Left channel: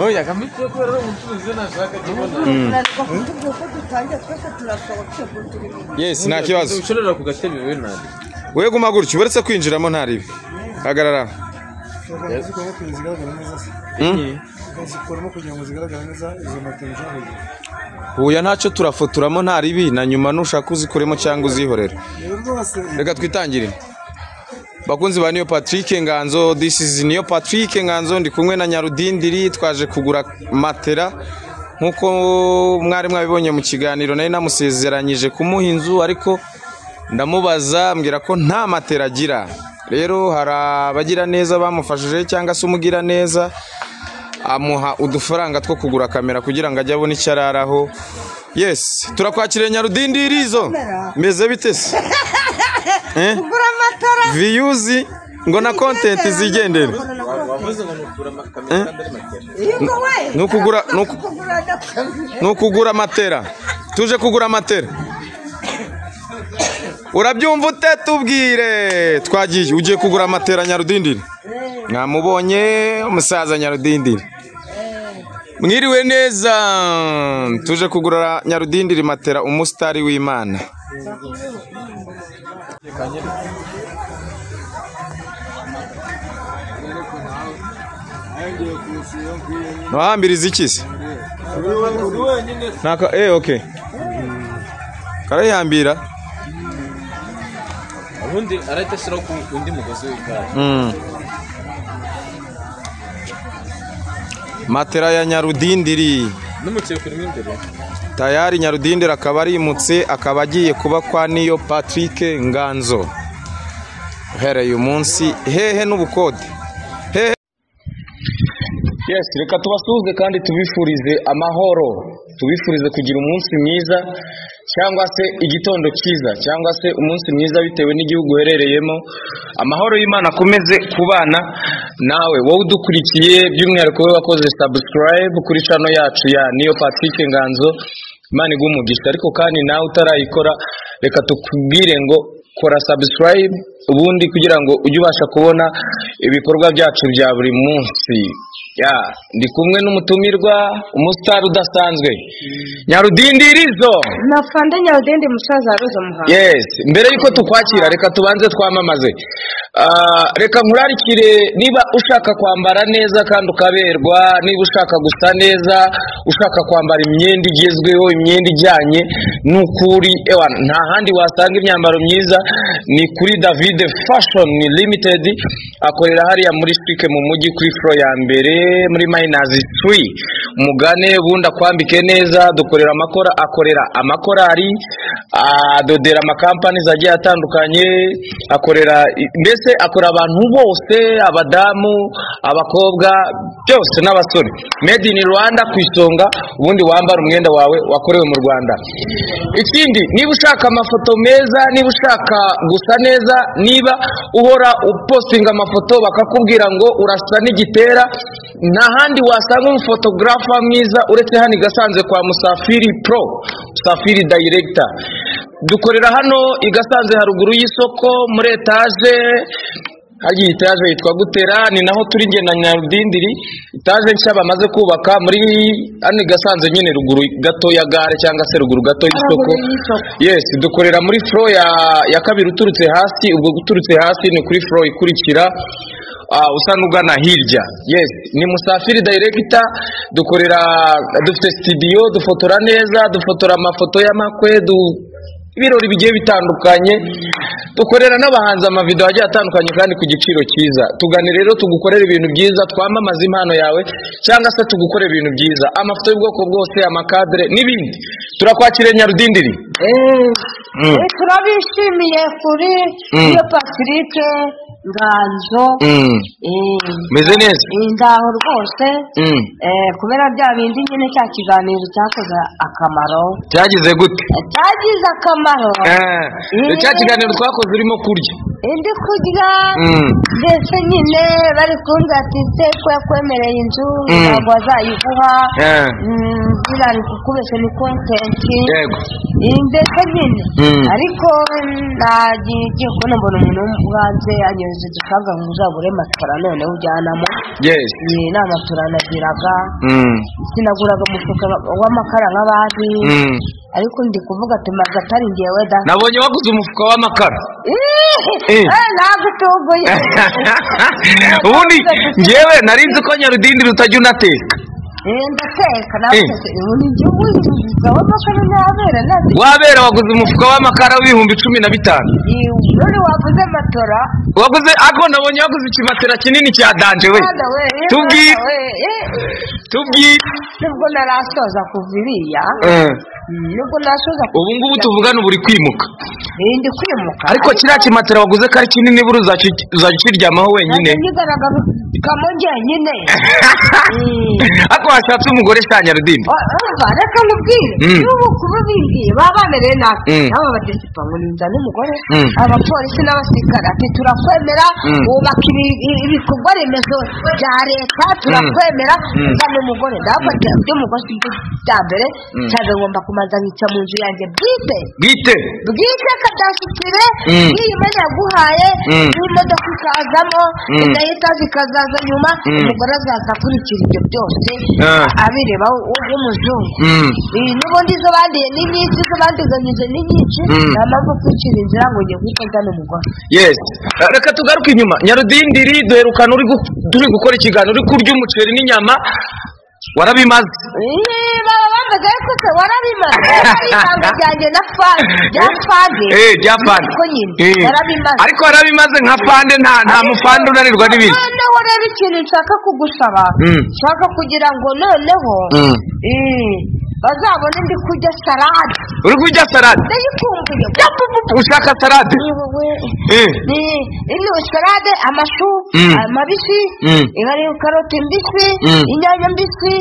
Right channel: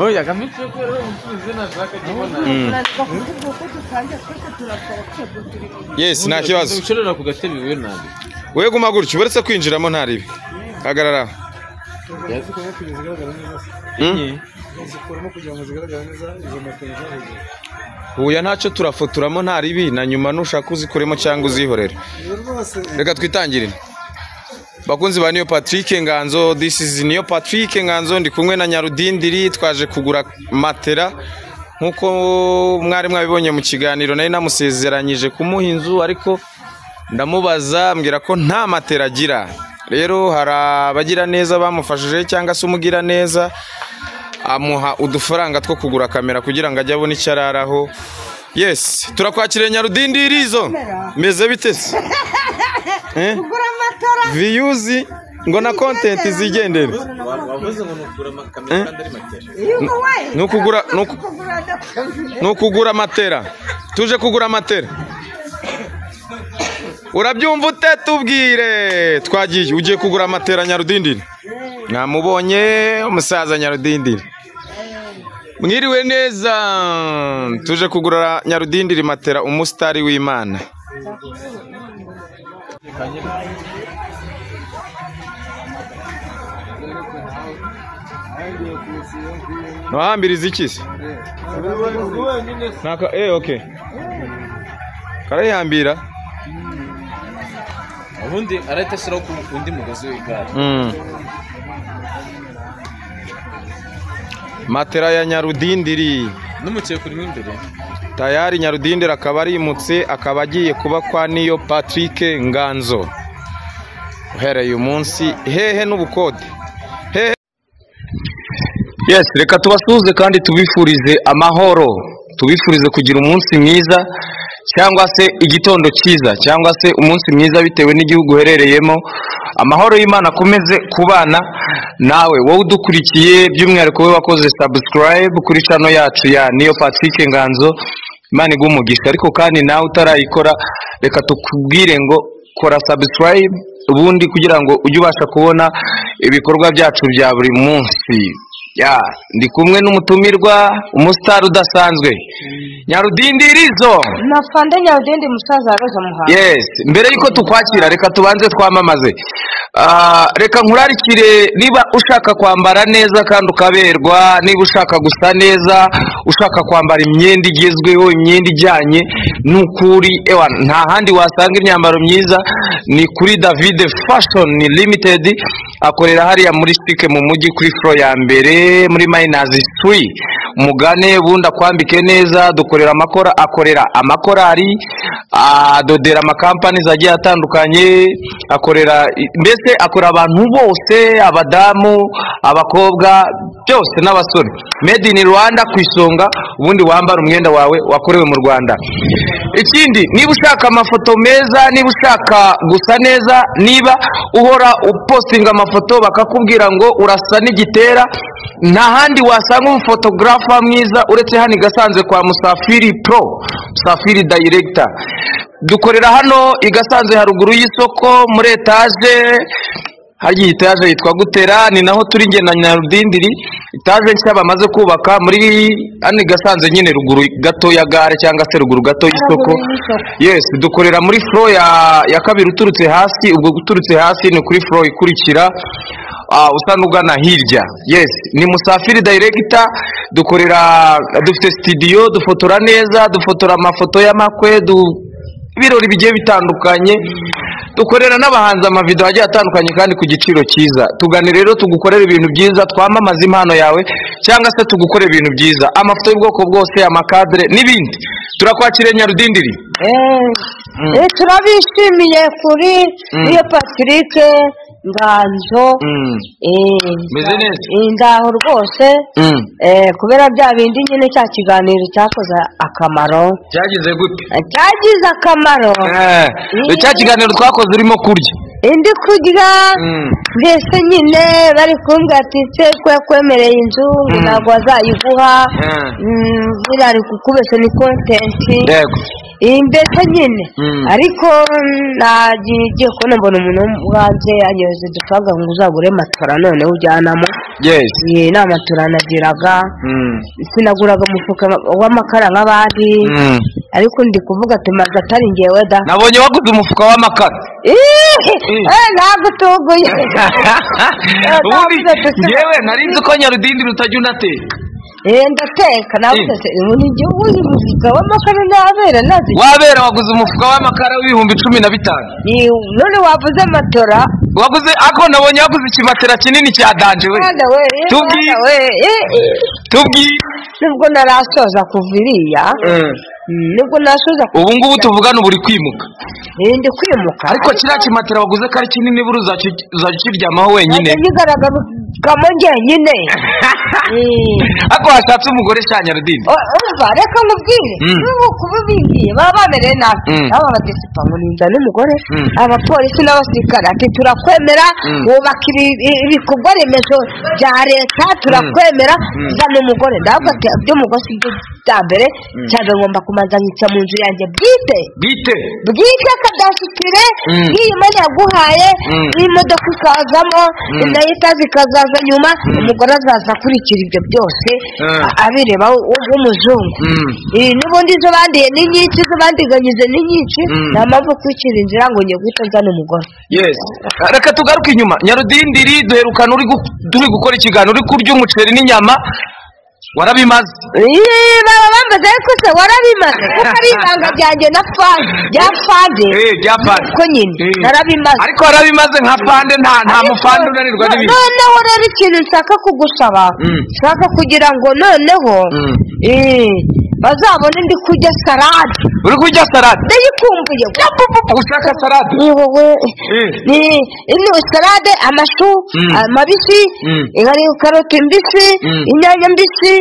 oya kamutse ko rero umutuzi nashaka kibona yes nta kibazo ushorera ku gatebe wewe nande we guma gutyo uretse kwinjiramo ntaribi hagarara Oya ntacyo turafotoramo ntaribi na nyuma nushaka uzikoremo cyangwa uzihorere reka twitangirire bakunzi ba Niyo Patrick Nganzo, this is Niyo Patrick Nganzo, ndi kumwe na Nyarudindiri twaje kugura matera nkuko mwari mwabibonye mu kiganiro nari namusezeranyije kumuha inzu ariko ndamubaza mbwira ko nta matera agira. Rero harabagira neza bamufashije cyangwa se umugira neza amuha udufaranga two kugura kamera kugira ngo ajye abone icyo araraho. Yes, turakwakiriye Nyarudindiri izo meze bite se? Kugura matara Views ngo na content zigendere. Nukugura matera. Tuje kugura matera. Urabyumva ute tubwire twagiye ugiye kugura matera Nyarudindiri. Namubonye umusaza Nyarudindiri. Mwiriwe neza tuje kugura Nyarudindiri matera umusitari w'Imana. Nohambiriza iki se? Naka okay. Karayambira. ubundi aratashyira ku undi mugozi w'igare. Matera ya Nyarudindiri. Numuciye kuri imbere. Tayari Nyarudindiri akaba arimutse akaba agiye kuba kwa Niyo Patrick Nganzo. Uhereye umunsi hehe n'ubukode. Hehe. Yes, reka tubasuhuze kandi tubifurize amahoro. Tubifurize kugira umunsi mwiza cyangwa se igitondo cyiza cyangwa se umunsi mwiza bitewe n'igihugu uherereyemo. Amahoro y'Imana akomeze kubana nawe wowe udukurikiye by'umwihariko we wakoze subscribe kuri channel yacu ya Niyo Patrick Nganzo. Imana igumugisha ariko kandi nawe utarayikora reka tukubwire ngo kora subscribe ubundi kugira ngo ujye ubasha kubona ibikorwa byacu bya buri munsi. Ya ndi kumwe n'umutumirwa umustar udasanzwe Nyarudindirizo nafande Nyarudindi musaza Roza Muhanga. Yes, mbere yuko tukwakira reka tubanze twamamaze. Reka nkurarikire niba ushaka kwambara neza kandi ukaberwa, niba ushaka gusa neza, ushaka kwambara imyenda igezweho, imyenda ijyanye n'ukuri nta handi wasanga imyambaro myiza ni kuri David Fashion Limited. Akorera hariya muri Stike mu mujyi kuri floor ya mbere muri Minus 3. Mugane bunda kwambike neza, dukorera akorera amakorari, adodera amakampani zagiye atandukanye, akorera mbese akora abantu bose, abadamu, abakobwa byose n'abasore. Made in Rwanda kwisonga ubundi wambara umwenda wawe wakorewe mu Rwanda. Ikindi niba ushaka amafoto meza, niba ushaka gusa neza, niba uhora upostinga amafoto bakakubwira ngo urasa n'igitera, nta handi wasanga umufotografa mwiza uretse hano Igasanze kwa Musafiri Pro, Musafiri Director. Dukorera hano Igasanze haruguru y'isoko muri etage. Hagiye etage yitwa Gutera, ni naho turi nge na Nyarudindiri. Etage nshya bamaze kubaka muri hano Igasanze nyine ruguru gato ya gare cyangwa se ruguru gato y'isoko. Yes, dukorera muri floor ya kabiri uturutse hasi, ubwo guturutse hasi ni kuri floor ikurikira usa n'ugana hirya. Yes, ni Musafiri Director. Dukorera dufite studio, dufotora neza, dufotora amafoto y'amakwe, ibirori bigiye bitandukanye. Dukorera n'abahanzi amavideo agiye atandukanye kandi ku giciro cyiza. Tugane rero tugukorera ibintu byiza, twamamaza impano yawe cyangwa se tugukorera ibintu byiza, amafoto y'ubwoko bwose, amakadre n'ibindi. Turakwakira Nyarudindiri. Turabishimiye kuri Niyo Patrick Nganzo. Meze neza ndaho rwose. Kubera bya bindi nyine cya kiganiro cyakoze akamaro. Cyagize gute? Cyagize akamaro. Cya kiganiro twakoze urimo kurya. indi kurya mbese nyine bari kumbwira ati se ko yakwemereye inzu ntabwo bazayiguha ari kukubese ni kontenti mbese nyine ariko nagiye kubona mbona umuntu wo hanze yanyoheje udufaranga ngo uzagure matora noneho ujyanamo nta matora nagiraga sinaguraga umufuka w'amakara nk'abandi ariko ndi kuvuga ati maze atari ngewe da nabonye waguze umufuka w'amakara ntabwo utuguye ubundi ngewe nari nzi ko Nyarudindi rutajya unateka ndateka nawe ni igihugu umufuka w'amakara ntabera nazi wabera waguze umufuka w'amakara w'ibihumbi 15 none wavuze matora waguze ako nabonye waguze ikimatera kinini cya danje we tubwi nubwo narasoza kuviriya nubwo nasoza ubu ngubu tuvugana buri kwimuka ndi kwimuka ariko kiriya kimatera waguze kari kinini buru uzakiryamaho wenyine ntigaragara kamo njyenyine ako washatse umugore sha Nyarudindi reka nkubwire n'ubu kuba bigiye baba bamereye nabi aba badisipa ngo ninda n'umugore abapolisi n'abasirikare ati turakwemera wubaka ibikorwa remezo bya leta turakwemera uzana umugore ndavuga ati by'umugore si byo bya mbere cyane ngomba kumanza nkica mu nzu yanjye bwite kadashyikire nk'iyi mana yaguhaye n'imodoka ikazamo nayo zikazaza nyuma umugore azaza akurikira ibyo byose abireba w'umuzungu n'ubundi izo bandiye ni nyinshi izo bandiganyije ni nyinshi nta mpamvu kwicira inzira ngo ngiye guhita nzana umugore reka tugaruke inyuma Nyarudindiri duherukana turi gukora ikiganiro uri kurya umuceri n'inyama warabimaze baba bambaze ariko se warabimaze ari ibanga ryanjye na fande ko nyine warabimaze ariko warabimaze nka fande nta mufande unanirwa n'ibindi noneho rero ikintu nshaka kugusaba nshaka kugira ngo noneho bazabone ndi kurya salade uri kurya salade ndayikumbuye ushaka salade ni salade amashu mabisi karoti mbisi inyanya mbisi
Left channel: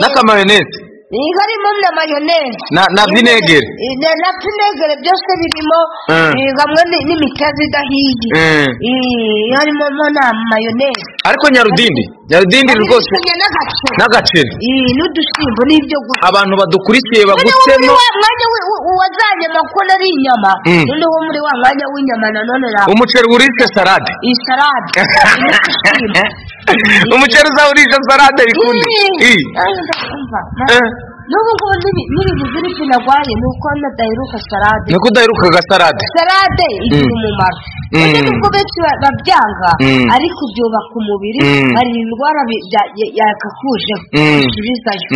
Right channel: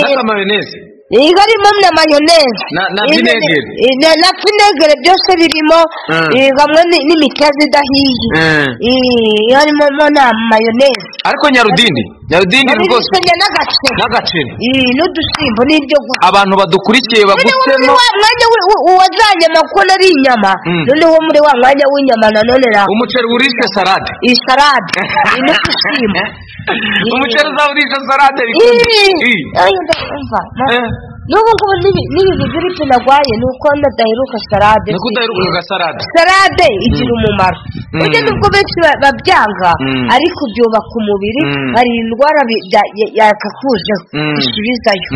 n'akamayoneze harimo na mayoneze na vinegere na vinegere byose birimo hamwe n'imitezi idahiye harimo na mayoneze ariko Nyarudindi rwose n'agaceri n'udusimbo n'ibyo gusa abantu badukurikiye bagutsemo mwanya uwazanye amakuru ari inyama noneho muri wa mwanya w'inyama nanone umuceri urishe salade iyi salade n'udusimbo umuceri uzawurisha salade bikunde n'ubu ngubu n'ibi bigiripe nagwaye ni uko nadaheruka salade niko udaherukaga salade igira umumaro ujye nubwo benshi babyanga ariko byubaka umubiri hari indwara yakakujeho bisubizayo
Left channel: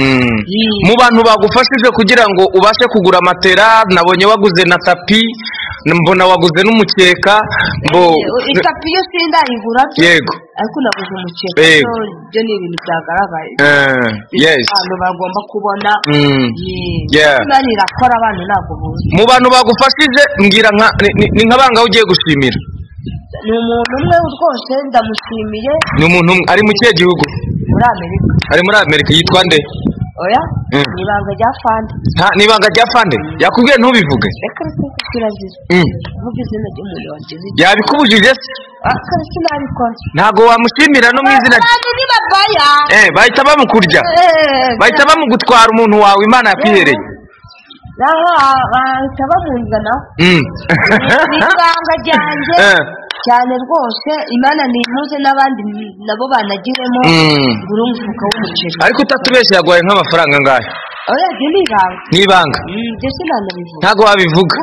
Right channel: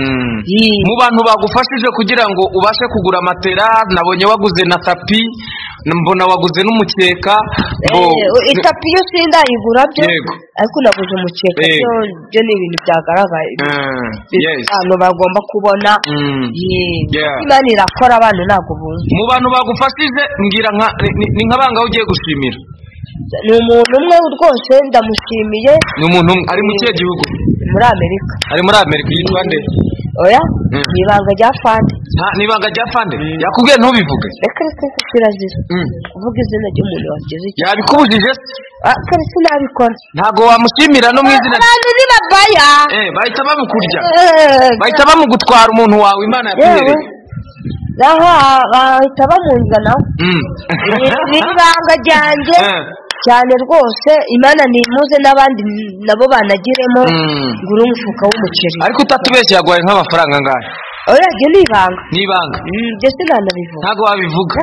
mu bantu bagufashije kugira ngo ubashe kugura matera nabonye waguze na tapi mbona waguze n'umukeka itapi yo sindayigura yego ariko naguze umukeka byo ni ibintu byagaragaye abantu bagomba kubona imana irakora abantu ntabwo bunze mu bantu bagufashije mbwira ni nk'abanga ugiye gushimira ni umuntu umwe rwose ndamushimiye ni umuntu ari mu kihe gihugu ari muri Amerika yitwa nde oya ni ibanga rya fande ni ibanga rya fande yakubwiye ntubivuge reka kirazira kuvuga izina ry'umuntu wagize yabikubujije se akari sinabikora ntago wamushimira no mu izina abantu ni babaya bahita bamukurya bahita bamugutwara umuntu wawe Imana yakwihereye bahita bamunzana ni ibanga ryanjye cyane rwose Imana nimuze n'abandi nabo banagiremo ngura umufuka w'umuceri ariko utatubeshye yaguhaye nk'amafaranga angahe oya ryo ni ibanga byose nanabivuga ntago wabivuga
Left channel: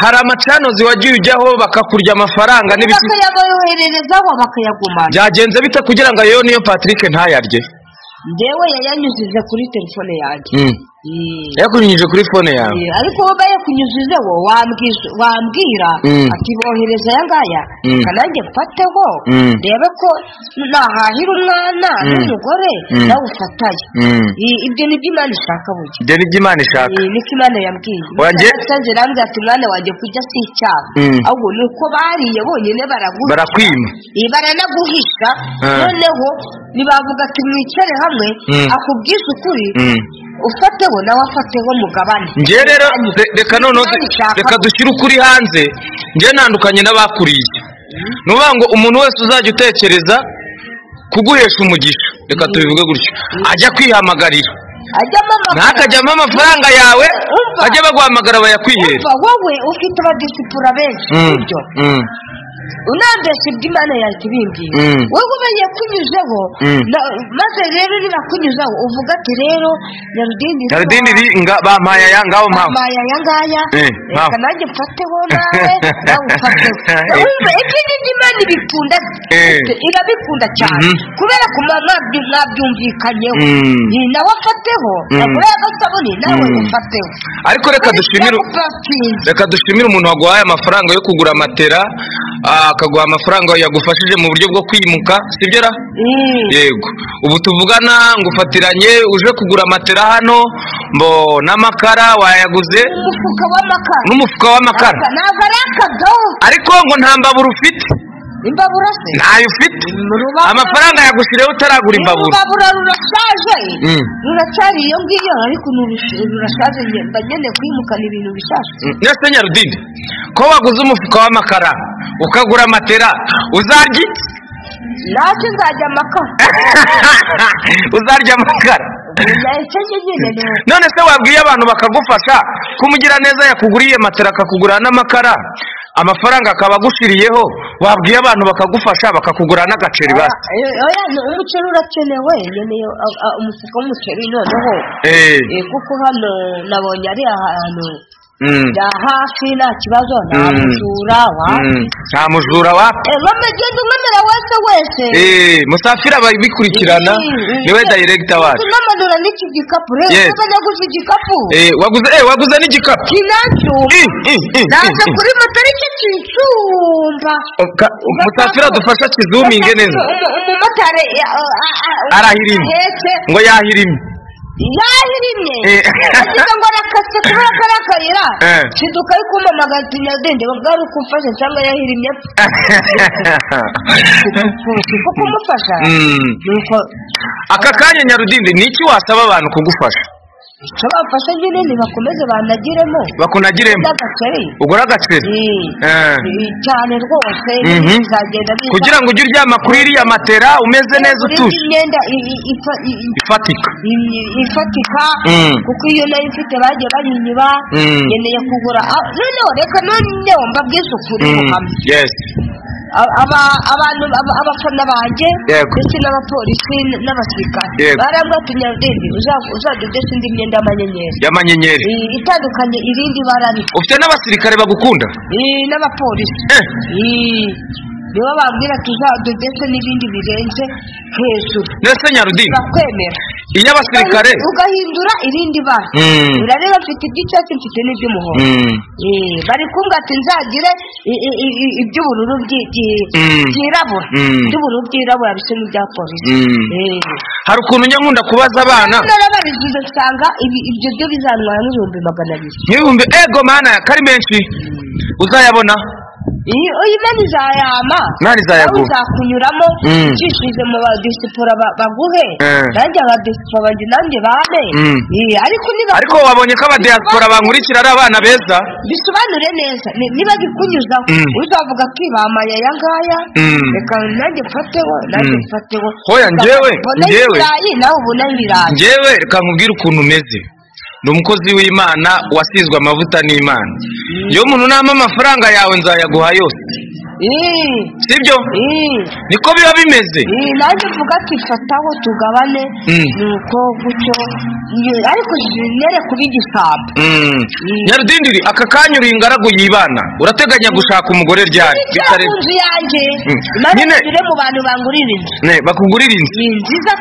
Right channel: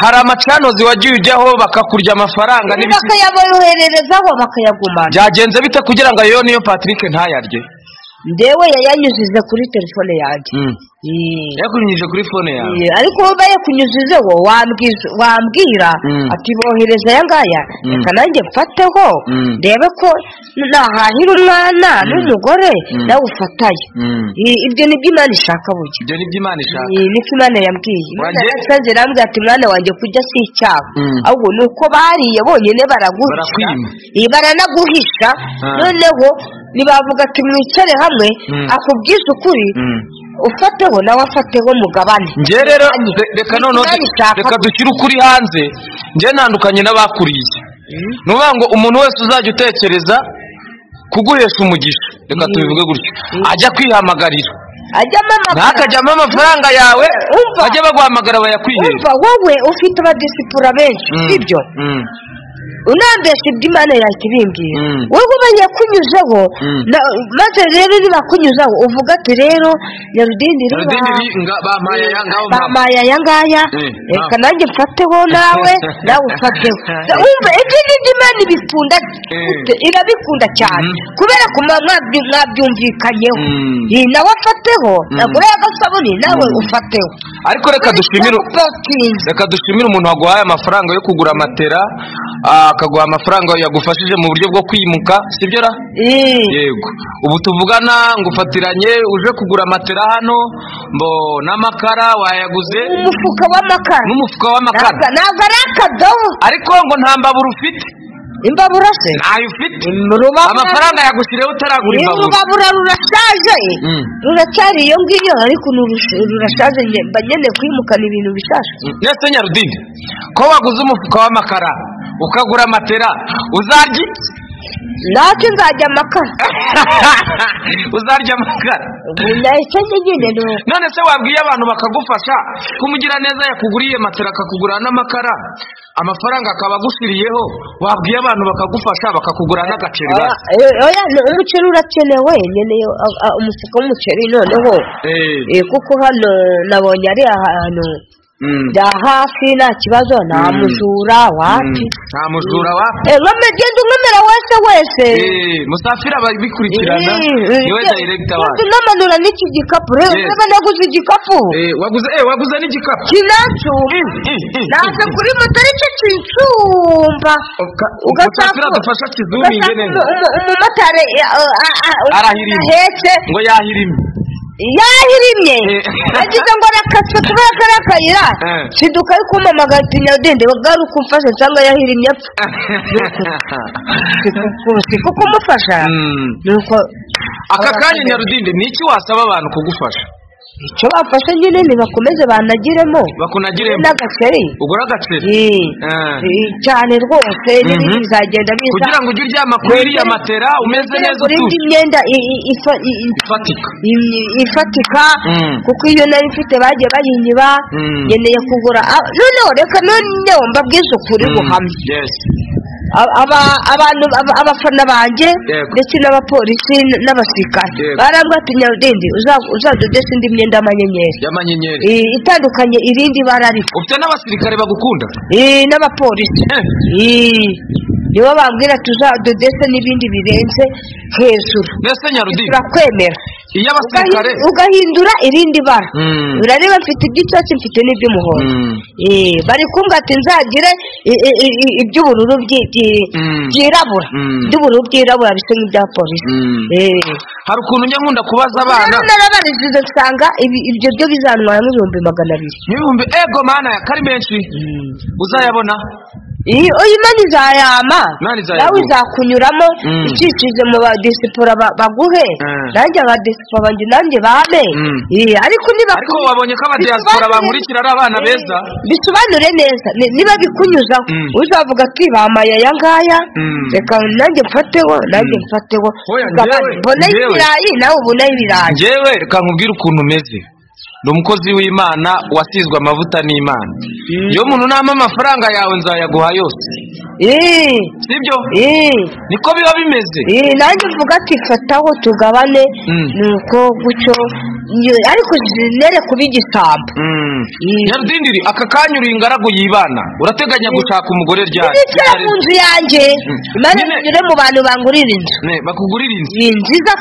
hari amacanozi wagiye ujyaho bakakurya amafaranga n'ibiki bakayabohererezaho bakayagumana byagenze bite kugira ngo ayo niyo Patrick ntayarye ndewe yayanyujije kuri telefone yanjye yakunyujije kuri fone yawe ariko wowe bayakunyujijeho wambwira ati bohereza aya ngaya reka nanjye mfateho ndebe ko nahahira umwana n'umugore nawe ufataye ibyo ni byo Imana ishaka burya ibyo ni byo Imana ishaka niko Imana yambwiye yasanze rambwira ati mwana wanjye kurya si icyaha ahubwo ni uko bariye bonyine barakwima baranaguhisha noneho ntibavuga ati mwicare hamwe akubwiza ukuri ufateho nawe afateho mugabane nge rero reka noneho reka dushyire ukuri hanze njye ntandukanye n'abakuriye nuvuga ngo umuntu wese uzajya utekereza kuguhesha umugisha reka tubivuge gutyo ajya kwihamagarira ntakajyamo amafaranga yawe bajye baguhamagara bayakwihera wowe ufite abadisipura benshi sibyo unambesha ibyo Imana yakibimbwiye wowe ubaye kunyuzeho maze rero nibakunyuzaho uvuga ati rero Nyarudindiri bampaye aya ngaho bampaye aya ngaya reka nanjye mfateho nawe ufateho wumva ibyo ngibyo Imana ibikunda irabikunda cyane kubera ko mwabyumvikanyeho nawe afateho nagura agasabuni nawe ufateho ariko reka dushimire umuntu waguhaye amafaranga yo kugura matera akaguha amafaranga yagufashije mu buryo bwo kwimuka sibyo ra yego ubu tuvugana ngufatiranye uje kugura matera hano mbo n'amakara wayaguze n'umufuka w'amakara ntabwo ari akadobo ariko ngo nta mbabura ufite imbabura se ntayo ufite amafaranga yagushireho utaragura imbabura imbabura rurashaje ruracyari iyo ngiyo ariko rurashaje mba nyene kwimukana ibintu bishaje nese Nyarudindi ko waguze umufuka w'amakara ukagura matera uzarya nacyo nzajya amakara uzarya amakara none se wabwiye abantu bakagufasha kumugira neza yakuguriye matera akakugura n'amakara amafaranga akaba agushiriyeho wabwiye abantu bakagufasha bakakugura n'agaceri basi umuceri urakenewe nkeneye umufuka w'umuceri noneho kuko hano nabonye ari ahantu bya hafi nta kibazo nta mujura wapi nk'amagenda umwemera wese Musafiri ababikurikirana niwe director wacu namanura n'iki gikapu rero niba naguze igikapu waguze n'igikapu naje kuri moto aricyo kinsumba Musafiri adufasha kizuminge neza umumotari arahirimye ngo yahirimye agize ngo arakase kubera ko ari akayira shiduka ari kumamagara ati Nyarudindi garuka umfashe nsanga yahirimye apfa kuko umufasha aka kanya Nyarudindi ni iki wasaba abantu kugufasha icyo bafashe nyine nibakomeze banagiremo n'agaceri ugura agaceri cyane rwose bizagenda biza kugira ngo ujye uryama kuri iriya matera umeze neza utuje imyenda ifatika kuko iyo nari mfite bagiye bayinyiba nkeneye kugura noneho reka noneho mbabwize ukuri buhamye abafana banjye ndetse n'abapolisi n'abasirikare barambwira ati Nyarudindi uzadodesha indi myenda y'amanyenyeri itandukanye irindi bara ariko ufite n'abasirikare bagukunda n'abapolisi nibo bambwira tuzadodesha n'ibindi birenze hejuru ndetse Nyarudindi urakwemera iyo abasirikare ugahindura irindi bara urareba mfite iby'icyatsi mfite n'iby'umuhondo bari kumbwira ati nzagire iby'ubururu byirabura iby'ubururu byirabura bisa nk'ibya polisi hari ukuntu njya nkunda kubaza abana narabarizize nsanga ibyo byo bizantwara nk'ibihumbi ego mana kari menshi uzayabona Imana izayama nawe uzakunyuramo ucishije mu badisipura baguhe nanjye abadisipura banjye nanjye bane ariko wabonye ko abadiaspora bankurikira ari abana beza bisobanure neza niba bikunyuzaho uzavuga ati bamaye aya ngaya reka nanjye mfateho hoya njyewe nawe ubonaho ibirayi njyewe reka nkubwire ukuntu umeze ni umukozi w'Imana wasizwe amavuta n'Imana iyo umuntu nama amafaranga yawe nzayaguha yose sibyo niko biba bimeze nanjye mvuga ati fataho tugabane nuko gutyo ariko nere kuba igisambo Nyarudindi aka kanya uri ingaragu y'Imana urateganya gushaka umugore ryari bitareze inzu yanjye Imana ire mu bantu bangurira inzu bakugurira inzu nziza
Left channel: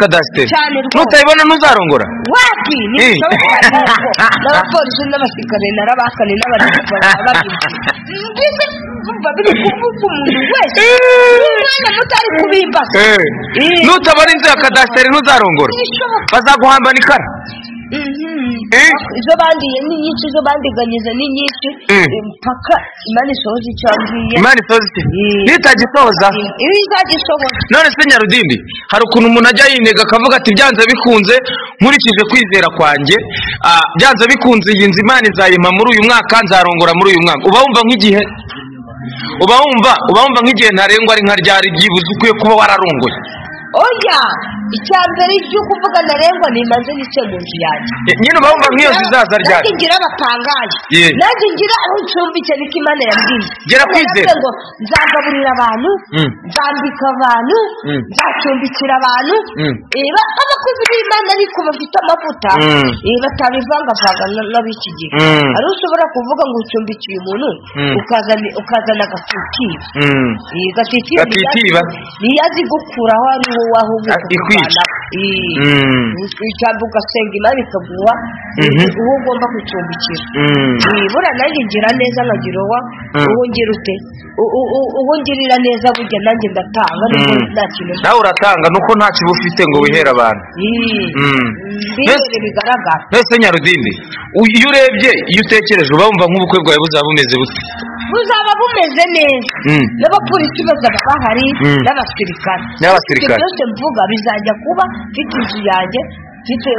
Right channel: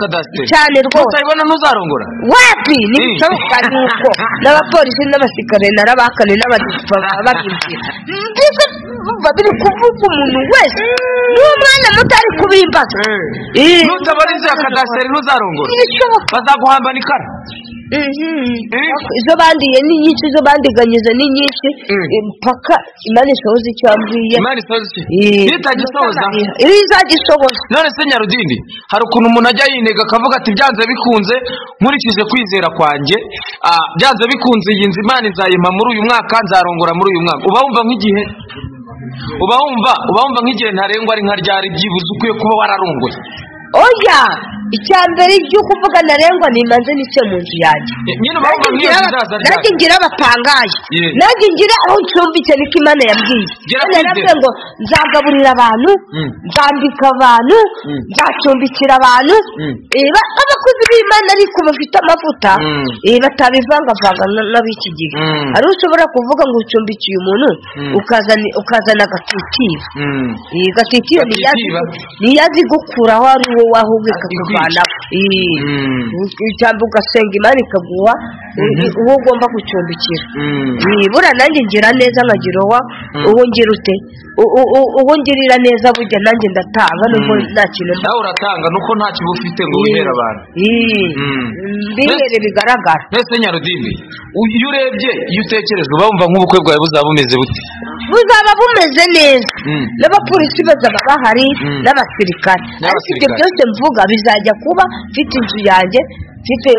kadasiteri cyane rwose nutayibona ntuzarongora wapi n'ibishoboka nuko n'abapolisi n'abasirikare narabakane n'abadisipora babimbye babiri kuvuga umuntu wese n'umwana mutari kubimbaza nutabona inzu ya kadasiteri ntuzarongora bazaguhambana ikara izo bandiye ni nyinshi izo bandiganyiza ni nyinshi mpaka Imana isohoza icyo yambwiye Imana isohoza iki nitagisohoza izagisohoza none se Nyarudindi hari ukuntu umuntu ajya yinega akavuga ati byanze bikunze nkurikije kwizera kwanjye byanze bikunze iyi nzu Imana izayimpa muri uyu mwaka nzarongora muri uyu mwaka uba wumva nk'igihe uba wumva nk'igihe ntarengwa ari nka ryari byibuze ukwiye kuba wararongoye oya icyambere cyo kuvuga ntarengwa nimanze n'icyo mu nzu yanjye nyine uba wumva nk'iyo zizaza ryari nanjye ngira abatangaje nanjye ngira aho ncumbitse niko Imana yambwiye gera kwizera ngo nzagaburira abantu nzambika abantu nzacumbikira abantu abakozi b'Imana ariko bafite amavuta batabivangavanga n'ab'iki gihe ari ushobora kuvuga ngo ucumbikiye umuntu ukazana gatitiba niyazi gukuraho ari wowe ahubika kuvana cyangwa ugasenga Imana ikaguha uwo ugomba gucumbikira bura nanjye ngira neza nkagira uwo ngira ute uwo ngirira neza burya nanjye ndatanga nubwo nta kintu nawe uratanga nuko nta kiba ufite ngo wihere abantu bihere bigaragara mbese Nyarudindi iyo urebye iyo utekereje uba wumva nk'ubukwe bwawe buzaba bumeze bute buzaba bumeze neza n'abapolisi bazaba bahari n'abasirikare ibyo byose mvuga bizajya kuba mfite inzu yanjye mfite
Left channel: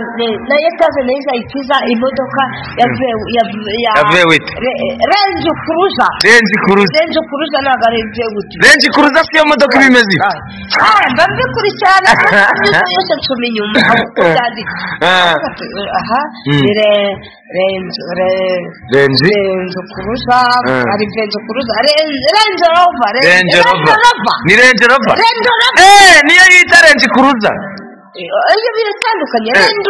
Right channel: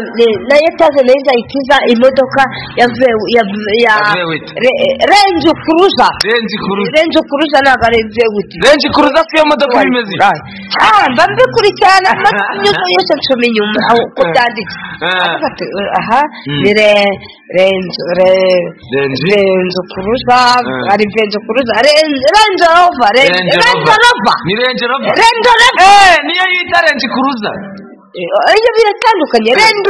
na etaje neza ikiza imodoka ya Range Cruiser ntabwo ari Vewit Range Cruiser si yo modoka ibimeze mba mbikurikirana nyuze yose nsoma inyuma aho byanditse ni Range Cruiser ari Range Cruiser Range Rover ni Range Rover niyo yita Range Cruiser iyo biratandukanye Range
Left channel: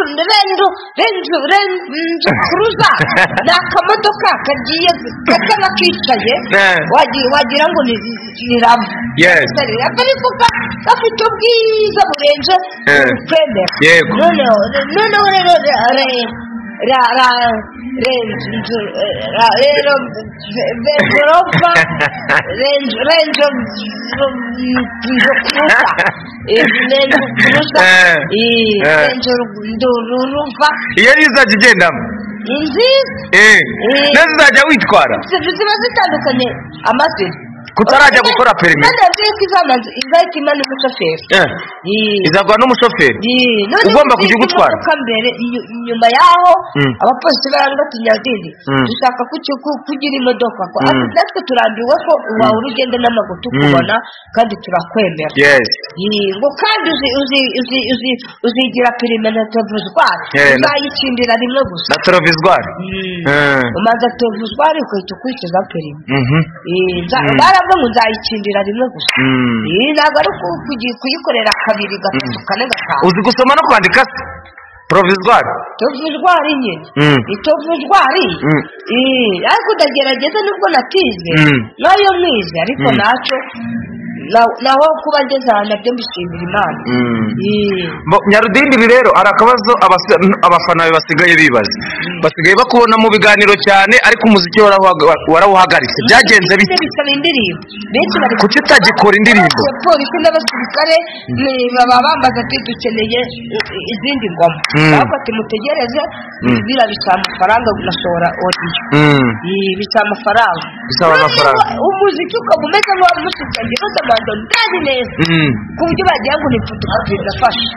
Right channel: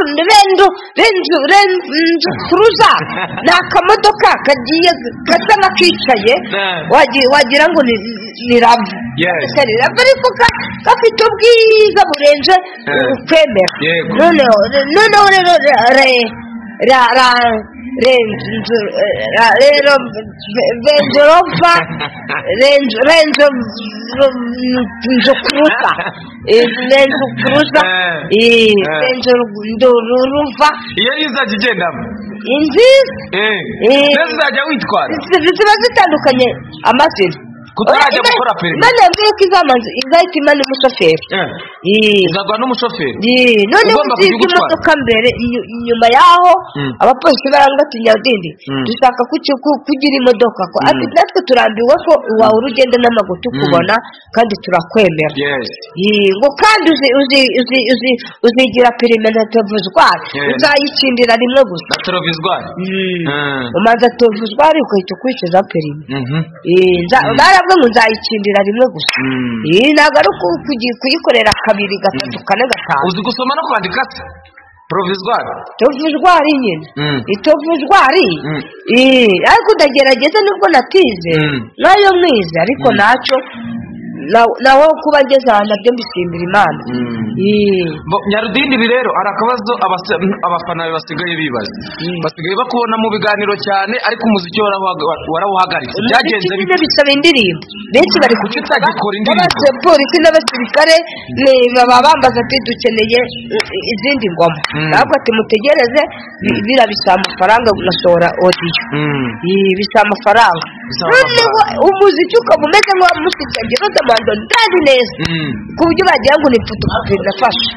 Cruiser ni akamodoka kagiye kakaba kicaye wagira ngo ni rava ariko gafite ubwiza burenze ukwemera noneho rero iyo izajya igendamo neza izajya witwara ziba zitandukanye amazina kutarajya gukora perimi none mbere ko izahita imana n'umushoferi izagwa n'umushoferi ugomba kujya ugutwara mbere inyuma yaho abapolisi barangatinya Nyarudindi dushaka kugira imodoka natwe turambiwe ko wawe urugendo n'amaguru tukubona kandi turakwemera ngo kandi uzigira perimi na terovizwari uzayicindira rimwe gusa na terovizwari umanza terovizwari ugahita ukurikiza perimi ngo nzayicindira rimwe gusa ntabwo ari kuyikorera kabiri gatatu kane gatanu uzi gusoma no kwandika se Provizwari nyine itovuzwari ariko udagerageza nubwo natize nayo mwize ariko nacyo naho kuba ngeze ahantu nabyo mbishimira Imana Nyarudindi ibi rero hari akabazo abafana be basigaye bibaza basigaye bakubona mu biganiro cyane ariko umuziki warawuhagaritse byagenze bite bisaba indirimbo benshi bari kuki utagikora indirimbo polisi n'abasirikare baba bambaza ati dukeneye izindi ngoma ariko ati mutegereze birabisaba amafaranga gusohora audio bisaba amafaranga umuziki ukaba umeze nk'uwamusigaye Roza ndazi neza ku buryo bagira ngo ni fotokopi ndafasha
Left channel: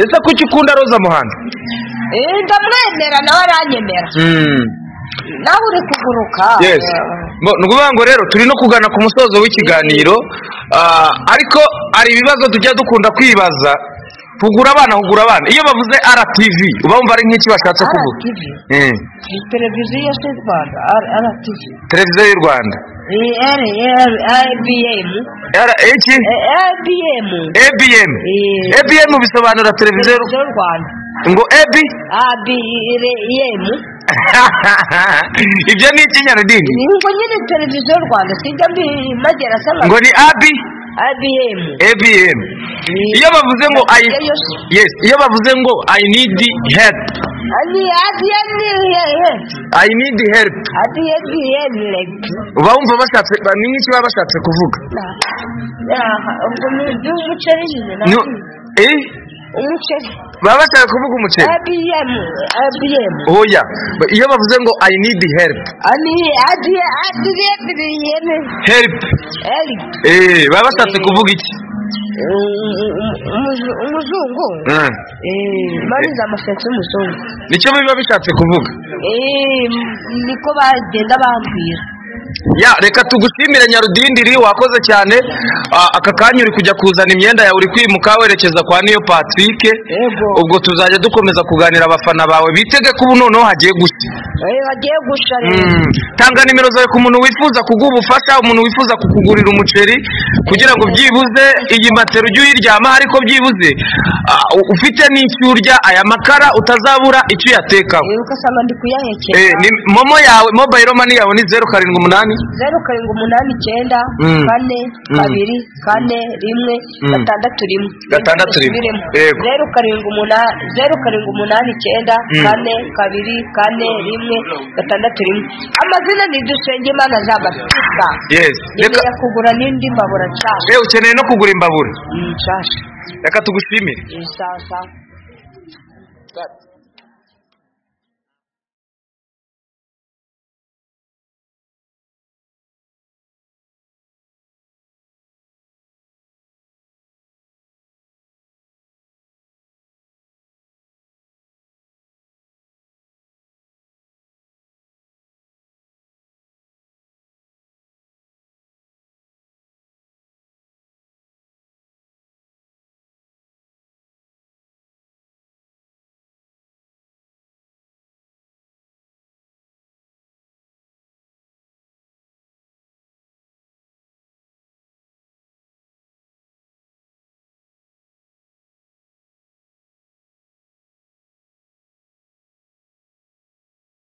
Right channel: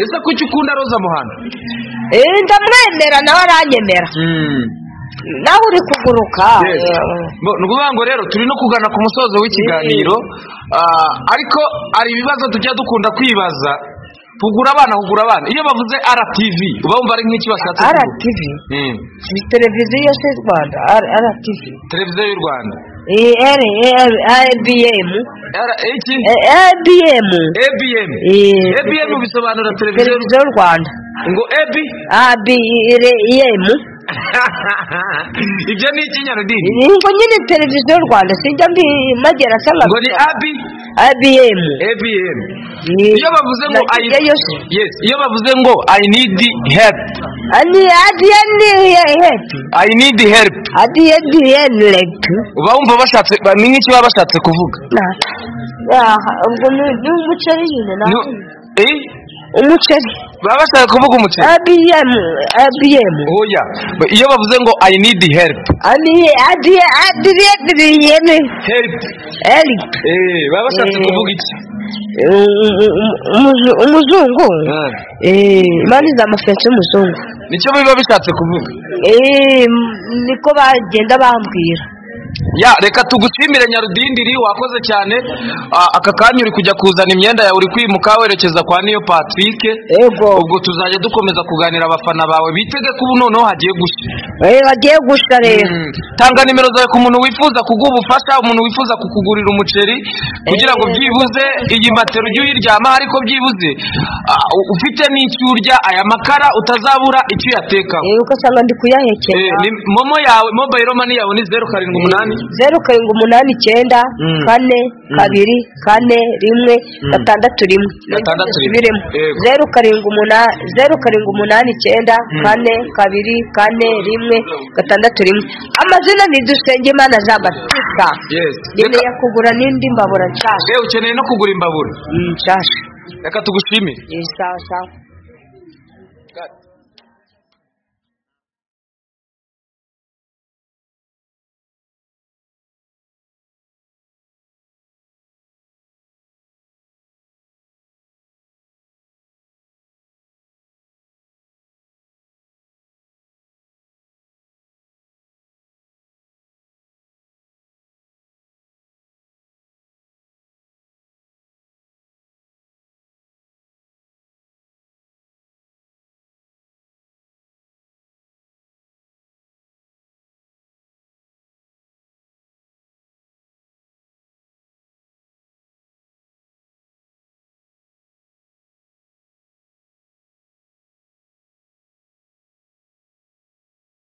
ese kuki ukunda Roza Muhando ndamwemera nawe aranyemera nawe uri kuguruka ni ukuvuga ngo rero turi no kugana ku musozo w'ikiganiro ariko hari ibibazo tujya dukunda kwibaza hugura abana iyo bavuze RTV uba wumva ari nk'iki bashatse kuvuga RTV televiziyo yose y'u Rwanda RTV televiziyo y'u Rwanda ABM bisobanura televiziyo y'u Rwanda ngo ABM ibyo ni iki Nyarudindi ngo nyine televiziyo y'u Rwanda sijya mbimagera sanga ngo ni ABM iyo bavuze ngo iyo bavuze ngo I need help I need help uba wumva bashatse ni nk'iki baba bashatse kuvuga umuceri nyine umuceri baba bashaka kuvuga umuceri IBM oya iyo bavuze ngo I need help help baba bashatse kuvuga iki umuzungu mani za mafensi y'umuzungu nicyo biba bishatse kuvuga niko bagenda bambwira ya reka tugushimire Nyarudindiri wakoze cyane aka kanya uri kujya kuzana imyenda yawe uri kwimuka werekeza kwa Niyo Patrick ubwo tuzajya dukomeza kuganira abafana bawe bitege ko ubu noneho hagiye gushya hagiye gushya rero tanga nimero zawe ku muntu wifuza kuguha ubufasha umuntu wifuza kukugurira umuceri kugira ngo byibuze iyi matero ujye uyiryama ariko byibuze ufite n'icyo urya aya makara utazabura icyo uyatekaho ugasanga ndi kuyahekera momo yawe mobile money yawe ni 078 089 4 2 4 1 6 1 amazina ni Dusengimana Jean Baptiste yes reka kugura n'indi mbabura cyane ukeneye no kugura imbabura cyane reka tugushimire sawa